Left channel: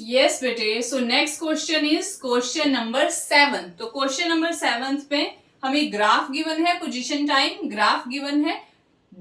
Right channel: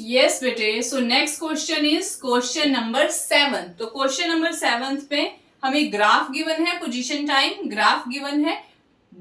Yes बेटे, so next question is question number 7। तो क्वेश्चन नंबर 7 पे हमें ग्राफ गिवन है, पोजीशन टाइम ग्राफ गिवन है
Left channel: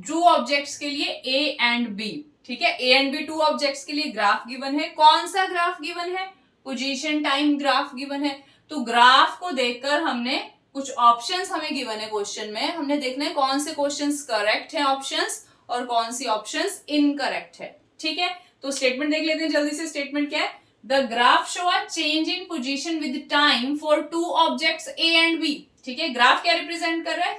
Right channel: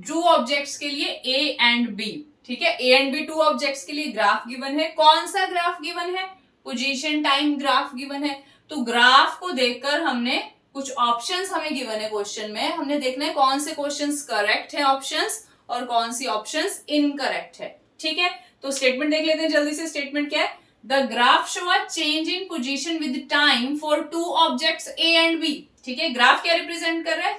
टू ऑब्जेक्ट्स के लिए ए एंड बी। ठीक है, A and B two objects के लिए ग्राफ गिवन है। कौन सा ग्राफ गिवन है? पोजीशन टाइम ग्राफ गिवन है। तो ग्राफ को देखकर हमने कुछ ऑप्शंस हमें गिवन है क्वेश्चन में, हमने देखना है कौन से क्वेश्चंस करेक्ट है ऑप्शंस और कौन सी ऑप्शंस इनकरेक्ट है। ठीक है, तो स्टेटमेंट देख लेते हैं जल्दी से। स्टेटमेंट क्या है? The graph show a change in position with time for two objects A and B। ठीक है, ग्राफ क्या रिप्रेजेंट कर रहा है?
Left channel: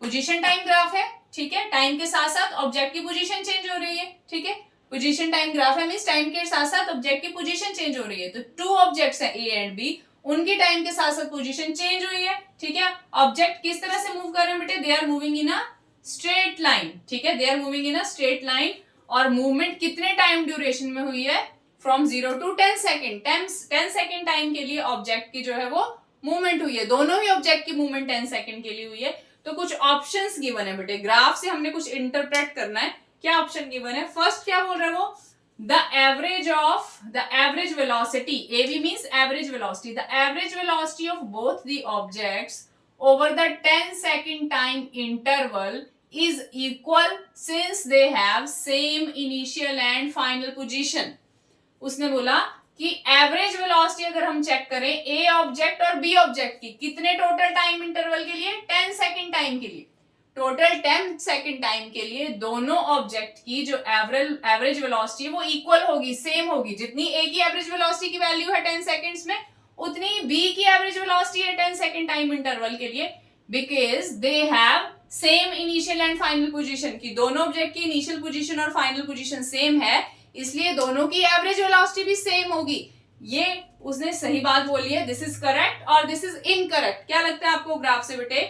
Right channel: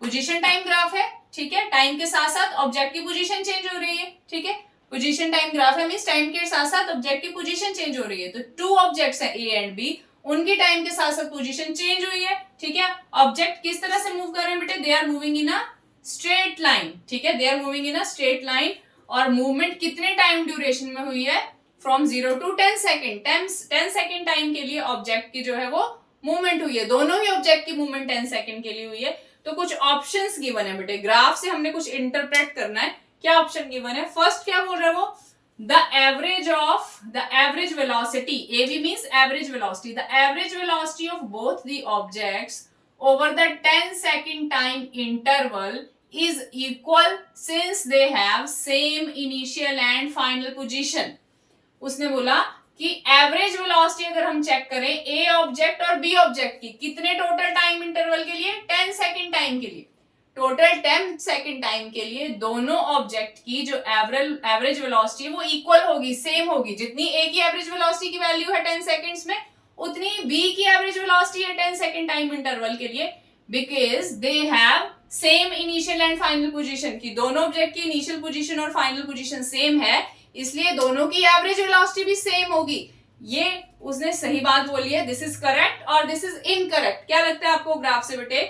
पोजीशन टाइम ग्राफ है। ठीक है, टाइम के साथ साथ ऑब्जेक्ट की पोजीशन चेंज हो रही है। ठीक है, पोजीशन टाइम ग्राफ है, मींस टाइम के साथ साथ ऑब्जेक्ट की पोजीशन चेंज हो रही है। तो टू ऑब्जेक्ट्स है ए एंड बी, उनकी टाइम के साथ साथ पोजीशन चेंज हुई है। ठीक है, ऑब्जेक्ट किस तरह से मूव कर रहे हैं बेटे? They are moving in a straight line. ठीक है, they are moving in a straight line. और मूवमेंट कितने टाइम ड्यूरेशन में हुई है? From 0 to 10 second. 10 second time के लिए ऑब्जेक्ट की जो है वो मूवमेंट हुई है। दोनों ही ऑब्जेक्ट की मूवमेंट 10 सेकेंड के लिए हुई है। तो कुछ ऑप्शंस गिवन है बेटे, ग्राफ से हमने कुछ इंटरप्रेट करना है। क्या ऑप्शन गिवन है? फर्स्ट क्या बोल रहा है वो? The average velocity, AV means average velocity, the average velocity of both the objects over the 10 second time interval is equal since they have same initial and final position। उसने बोला कि average velocity अगर हम check करें ए object और B object की, कितने total time interval के लिए? 10 सेकेंड टाइम के लिए। टोटल 10 सेकेंड टाइम के लिए दोनों ऑब्जेक्ट की जो एवरेज वेलोसिटी वो इक्वल होगी, सेम होगी। जितनी ए की एवरेज वेलोसिटी की वैल्यू है 10 सेकेंड्स में, उतनी बी की एवरेज वेलोसिटी है 10 सेकेंड टाइम इंटरवल के लिए। Because they have same initial and final position, की दोनों ऑब्जेक्ट की इनिशियल पोजीशन और फाइनल पोजीशन सेम है, इसलिए दोनों की एवरेज वेलोसिटी भी सेम होगी। ये उसने सही बात बोली है। दिस इज करेक्ट और दिस इज इनकरेक्ट। क्या लगता है आपको ग्राफ से बेटे?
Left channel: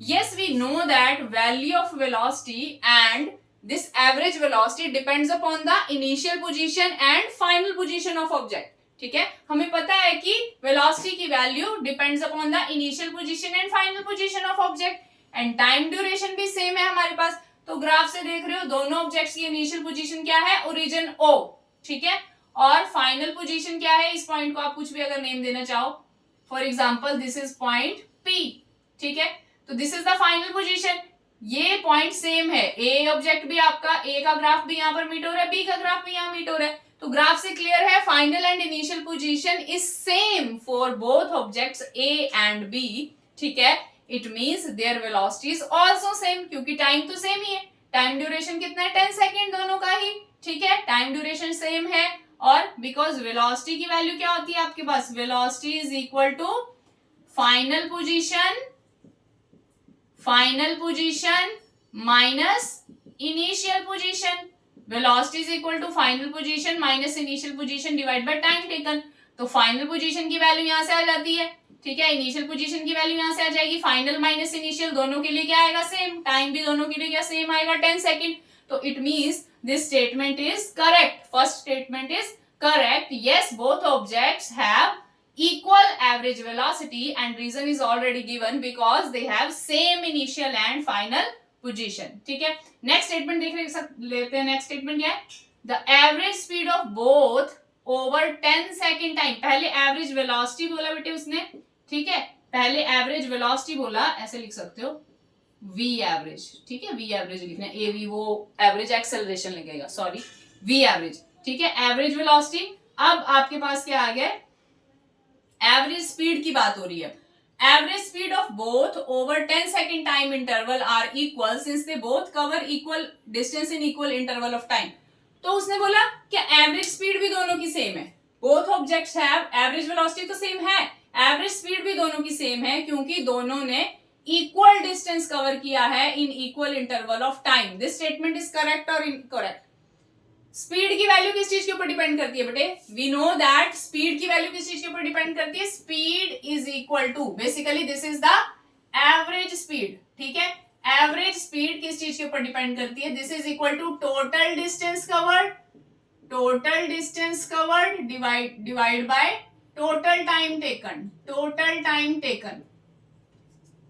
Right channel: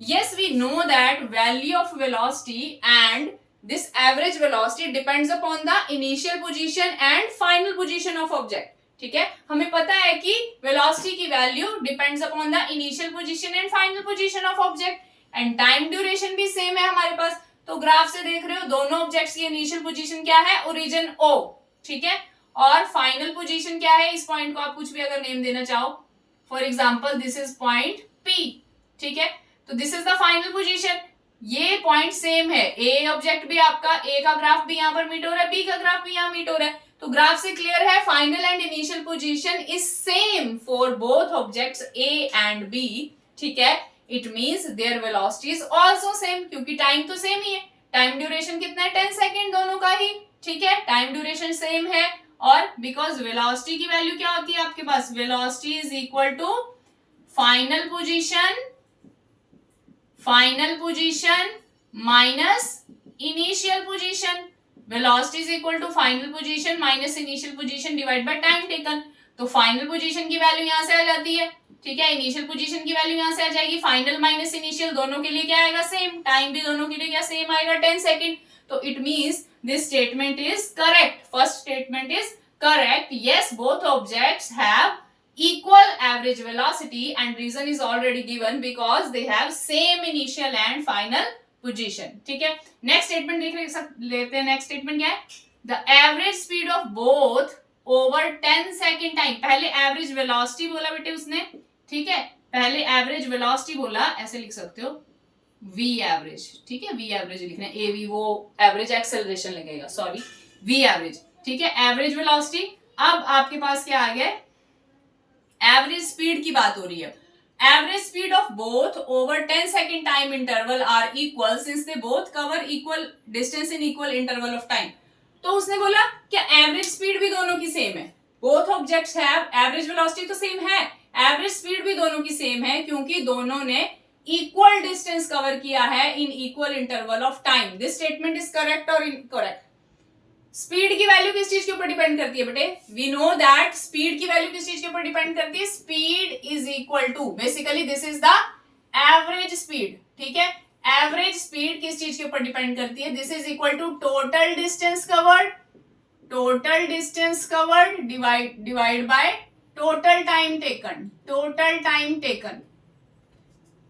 Yes, we know that value of velocity and this average velocity depends upon the initial position and final position of object. ठीक है, हमें पता है कि वेलोसिटी की value depends upon the initial position and final position of object, and time duration भी same है हमारे पास। तो ग्राफ से देख रहे हो दोनों ऑब्जेक्ट्स की इनिशियल पोजीशन क्या है? Origin O। ठीक है, और फाइनल पोजीशन क्या है? इस पॉइंट को आप कुछ भी अगर नेम देना चाहो, for example this is point P। ठीक है, तो this is the final position. ये पॉइंट सेम है, ए ऑब्जेक्ट भी आपका, ए का ग्राफ भी यहाँ पर मीट हो रहा है, बी का ग्राफ भी यहाँ मीट हो रहा है। तो ग्राफ से क्लियर है final and initial position is same for both objects A and B. ठीक है, it means their velocity is also same, क्योंकि टाइम तो सेम ही है। टाइम ड्यूरेशन कितना है? 10 सेकेंड दोनों का ही। ठीक है, टाइम ड्यूरेशन सेम है। और बिकॉज वेलोसिटी की वैल्यू क्या होती है आपके पास? Velocity is equal to final position minus initial position. Velocity is equal to final position minus initial position divide by time taken. तो फाइनल पोजीशन की वैल्यू यहां से आ जाती है। ठीक है, इनिशियल पोजीशन की वैल्यू यहां से आ जाएगी। फाइनल माइनस इनिशियल दोनों के लिए क्या आएगा? सेम। टाइम भी दोनों के लिए क्या सेम आएगा? 10 सेकेंड। तो it means this statement is correct. First statement is correct. Yes, both objects have equal average velocity and reason is already given because they have same initial and final position। ठीक है, next statement देख लेते हैं। Next statement क्या है? The average speed of both over 10 second time. पहले average velocity बोला बेटे उसने। ठीक है, पहले एवरेज वेलोसिटी बोला, ऐसे लिख सकते हो v एवरेज। ठीक है, v एवरेज लिखना है, ए वी वो एवरेज एक्सेलरेशन लगेगा, सॉरी v एवरेज। ठीक है, एवरेज वेलोसिटी। अब आपके पास क्या आ गया? एवरेज स्पीड की बात हो रही है। Average speed of both over 10 second time interval are equal since they both cover equal distance in equal interval of time. तो उसने बोला क्या एवरेज स्पीड भी दोनों की सेम है? Both objects have average velocity तो सेम है, एवरेज स्पीड भी दोनों की सेम है, क्योंकि दोनों ने इक्वल डिस्टेंस कवर किया है in equal interval of time. This statement is correct और इनकरेक्ट। स्पीड की वैल्यू किस चीज के ऊपर डिपेंड करती है बेटे? वी नो दैट स्पीड की वैल्यू किस चीज के ऊपर डिपेंड करती है? Speed is equal to, basically this is the average speed. ठीक है, एवरेज स्पीड किस चीज के ऊपर डिपेंड करती है? This is equal to total distance covered divide by total time taken.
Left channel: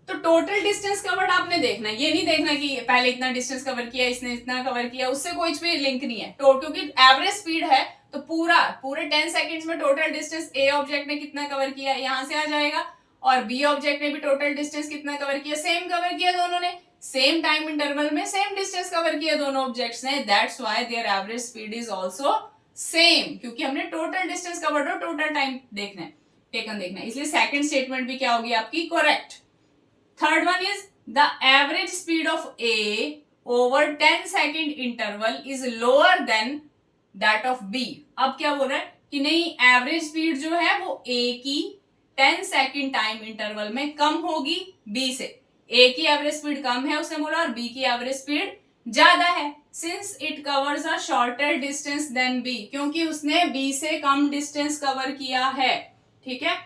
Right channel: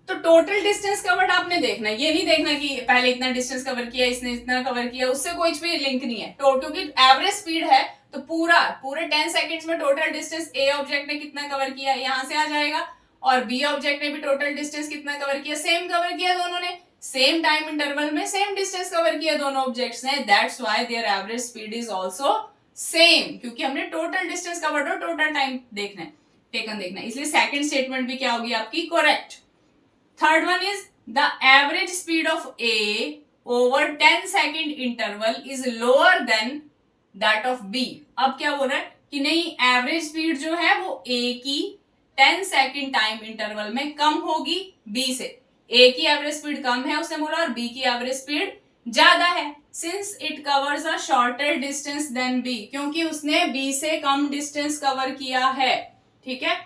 तो टोटल डिस्टेंस कवर्ड आपने देखना, ये नहीं देखना कि पहले इतना डिस्टेंस कवर किया, इसने इतना कवर किया, उससे कोई भी लिंक नहीं है। क्योंकि एवरेज स्पीड है तो पूरे 10 सेकंड्स में टोटल डिस्टेंस ए ऑब्जेक्ट ने कितना कवर किया, यहां से आ जाएगा, और बी ऑब्जेक्ट ने भी टोटल डिस्टेंस कितना कवर किया, सेम कवर किया दोनों ने, सेम टाइम इंटरवल में सेम डिस्टेंस कवर किया दोनों ऑब्जेक्ट्स ने, that's why there average speed is also same, क्योंकि हमने टोटल डिस्टेंस कवर्ड और टोटल टाइम देखना है, टेकन देखना है, इसलिए सेकंड स्टेटमेंट भी क्या होगी आपकी, correct. Third one is the average speed of A over 10 second interval is lower than that of B. अब क्या बोल रहा है कि नहीं, एवरेज स्पीड जो है वो ए की 10 सेकेंड टाइम इंटरवल में कम होगी बी से। ए की एवरेज स्पीड कम है उसने बोला, और बी की एवरेज स्पीड ज्यादा है, since it covers a shorter distance than B, क्योंकि उसने बी से कम डिस्टेंस कवर किया है, ठीक है।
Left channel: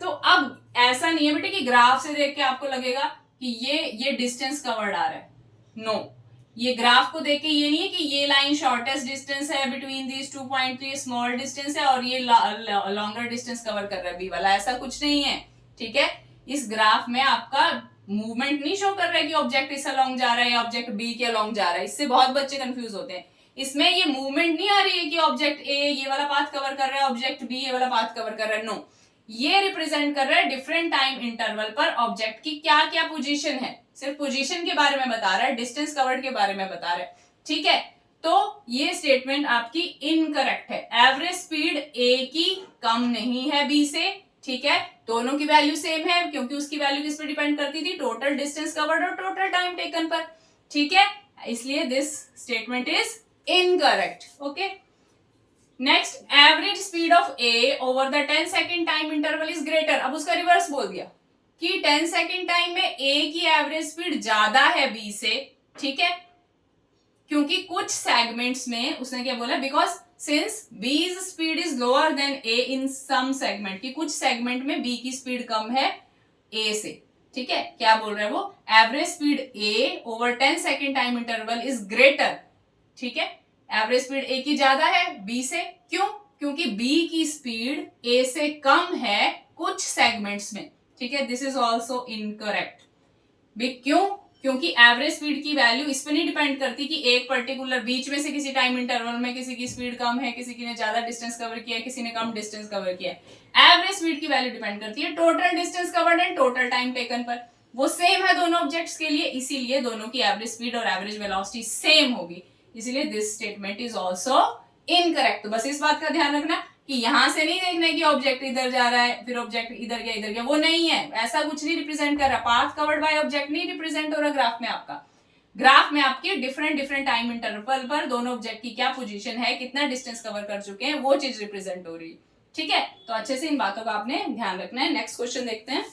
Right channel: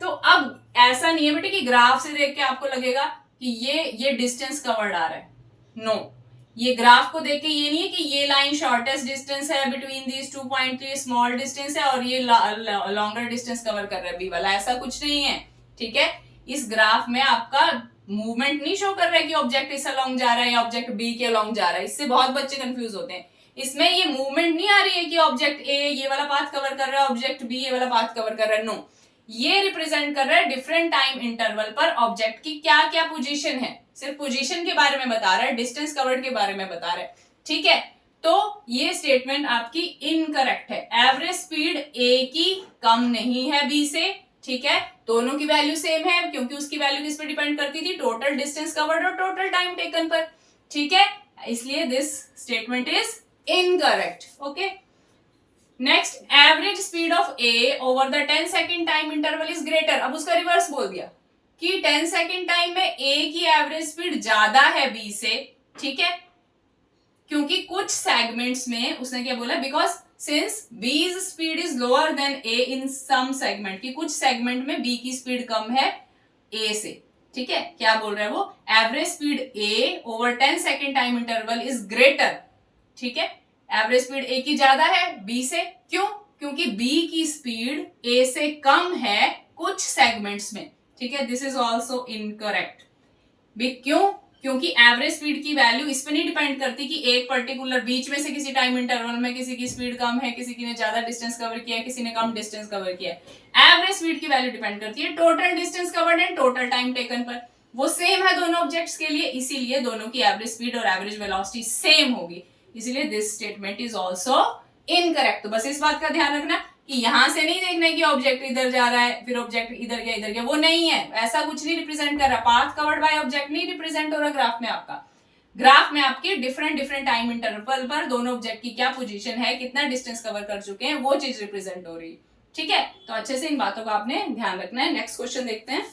तो अब ऐसा नहीं है बेटे कि ग्राफ से देख के आपको लगेगा कि ये डिस्टेंस कवर्ड आ रहा है, नो, ये ग्राफ को देख के ये नहीं है कि ये लाइन शॉर्टेस्ट डिस्टेंस है बिटवीन दीज 2 पॉइंट, ये स्मॉल डिस्टेंस है और ये लॉन्गर डिस्टेंस कवर कर रहा है बी वाला, ऐसा कुछ नहीं है, ठीक है। इस ग्राफ में आपका मूवमेंट नहीं शो कर रहा है कि ऑब्जेक्ट इस अलोंग जा रहा है या ऑब्जेक्ट बी के अलोंग जा रहा है, इससे बहुत बच्चे कंफ्यूज होते हैं। इसमें ये मूवमेंट नहीं आ रही है कि ऑब्जेक्ट ए ये वाला पाथ कवर कर रहा है, ऑब्जेक्ट बी ये वाला पाथ कवर कर रहा है, नो, ये रिप्रेजेंट कर रहा है डिफरेंट टाइम इंटरवल पर ऑब्जेक्ट की क्या क्या पोजीशन है, सिर्फ पोजीशन के बारे में बता रहा है, डिस्टेंस कवर्ड के बारे में बता रहा है, ठीक है। तो ये स्टेटमेंट आपकी इनकरेक्ट है, एवरेज स्पीड ए की कम नहीं है बी से, ठीक है, दोनों की वैल्यू सेम है, क्योंकि उसकी वैल्यू किस पे डिपेंड करती थी, टोटल डिस्टेंस कवर्ड और टोटल टाइम टेकन पर, ठीक है, इसलिए this statement is incorrect, okay. Next, average speed of A over the 10 second time interval is greater, अब उसका रिवर्स बोल दिया कि 10 सेकेंड टाइम में ए की एवरेज स्पीड ज्यादा है बी से, ठीक है, क्योंकि कुछ सेगमेंट्स में उसने क्या बोला, because since B's speed is lower than A in some segment, कि कुछ सेगमेंट में बी की स्पीड कम है ए से, ठीक है, क्या बोल रहा है वो, average speed A over 10 second time interval is greater, ठीक है, एवरेज स्पीड ए की ज्यादा है बी से, क्यों, क्योंकि बी की स्पीड ए से कम है कुछ सेगमेंट्स में, ठीक है, दिस इज ऑल्सो इनकरेक्ट, क्यों, क्योंकि एवरेज स्पीड की वैल्यू इस पर नहीं डिपेंड करती कि एक पर्टिकुलर बीच में से किसी टाइम इंटरवल में किसी की स्पीड कम है, किसी की ने ज्यादा डिस्टेंस कवर किया है, किसी ने कम डिस्टेंस कवर किया है, एवरेज स्पीड की वैल्यू डिपेंड करती है total distance covered and total time taken पर, वो सेम है दोनों ऑब्जेक्ट्स के लिए, इसीलिए दोनों की एवरेज स्पीड और एवरेज वेलोसिटी सेम होगी, इसीलिए this statement is also incorrect. तो बस इस बात का ध्यान रखना कि यहां से नहीं देखना है कि ऑब्जेक्ट इधर जा रहा है फिर ऑब्जेक्ट इधर गया, वो नहीं है, ऐसा कुछ नहीं रिप्रेजेंट कर रहा, पाथ कवर्ड बाय ऑब्जेक्ट नहीं रिप्रेजेंट हो रहा ग्राफ में आपका, ग्राफ में आपके डिफरेंट टाइम इंटरवल पर दोनों ऑब्जेक्ट की क्या पोजीशन है, कितना डिस्टेंस कवर कर चुके हैं, वो चीज रिप्रेजेंट हो रही है, ठीक है। तो अच्छे से इन बातों का आपने ध्यान रखना है। नेक्स्ट क्वेश्चन देखते हैं।